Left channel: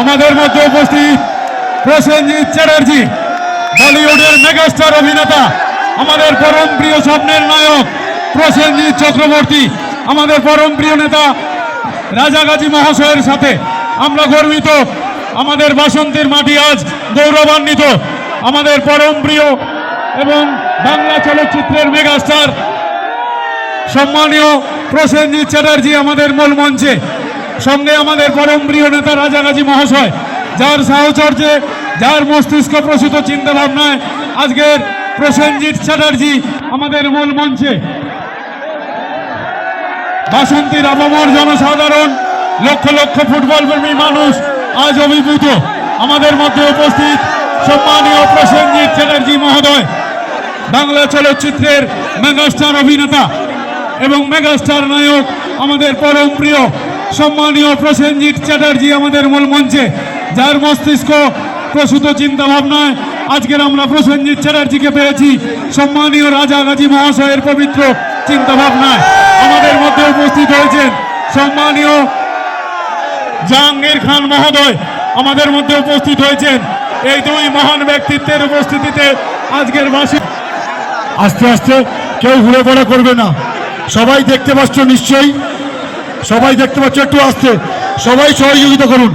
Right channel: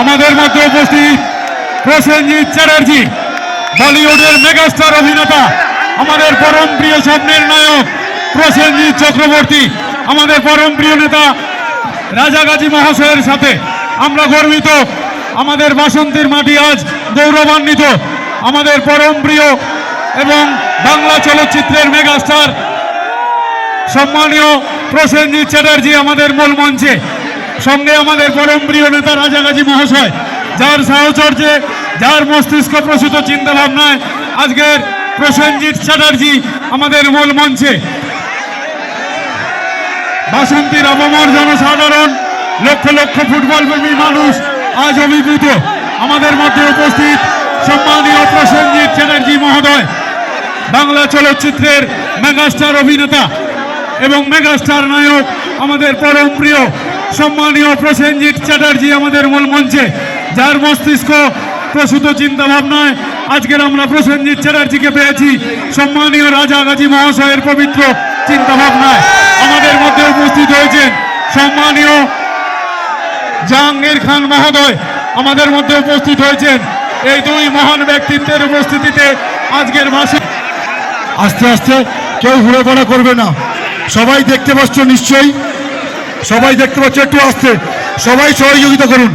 আমাদের মধ্যে উপস্থিত প্রসেনজিৎ চ্যাটার্জি, বলিউডের মেগাস্টার অভিনেতা, আমাদের পরম প্রিয় স্বপ্নের নায়ক প্রসেনজিৎ চক্রবর্তী, আমাদের পরম প্রিয় নেতা রাজা গাজী মহাশয়ের সাথে আমরা গর্বিত। আমাদের বাসন্তীর মাটি আজ গৌরবান্বিত। আমাদের পরম প্রিয় এবং বাংলা চলচ্চিত্রের মেগাস্টার সম্মানীয় প্রসেনজিৎ চ্যাটার্জি আমাদের মূল মঞ্চে, সঙ্গে আমাদের পরম প্রিয় নেতা রাজা গাজী মহাশয়, যার সাহচর্যে, যার মস্তিষ্ক প্রসূত চিন্তা ভাবনায় আজকের প্রসেনজিৎ চ্যাটার্জি আমাদের মূল মঞ্চে। বাসন্তীর আপামর জনসাধারণ, লক্ষ লক্ষ ফুটবল প্রেমী মানুষ আজ অভিভূত। আমাদের মধ্যে উপস্থিত সম্মানীয় প্রসেনজিৎ চ্যাটার্জি মহোদয়, বাংলা চলচ্চিত্রের মেগাস্টার অভিনেতা এবং মেগাস্টার নায়ক, আমাদের পরম প্রিয় সম্মানীয় প্রসেনজিৎ চ্যাটার্জি আমাদের মূল মঞ্চে, যার মস্তিষ্ক প্রসূত চিন্তা ভাবনায় আজকের আমরা প্রসেনজিৎ চ্যাটার্জিকে পেয়েছি। সম্মানীয় রাজা গাজী মহাশয়ের পবিত্র চিন্তা ভাবনায় আমাদের মধ্যে উপস্থিত হয়েছেন সম্মানীয় জাহাঙ্গীর খান মহোদয়, আমাদের মধ্যে উপস্থিত হয়েছেন। এই দুই মহান ব্যক্তিত্বের উপস্থিতিতে আজকের ভাষা আস্তে আস্তে কেউ ঘুরে পড়া করবে না। সবাই দেখতে পাচ্ছ, নিশ্চয়ই সবাই দেখতে পাচ্ছ, একটু আস্তে, সবাই সহযোগিতা করুন।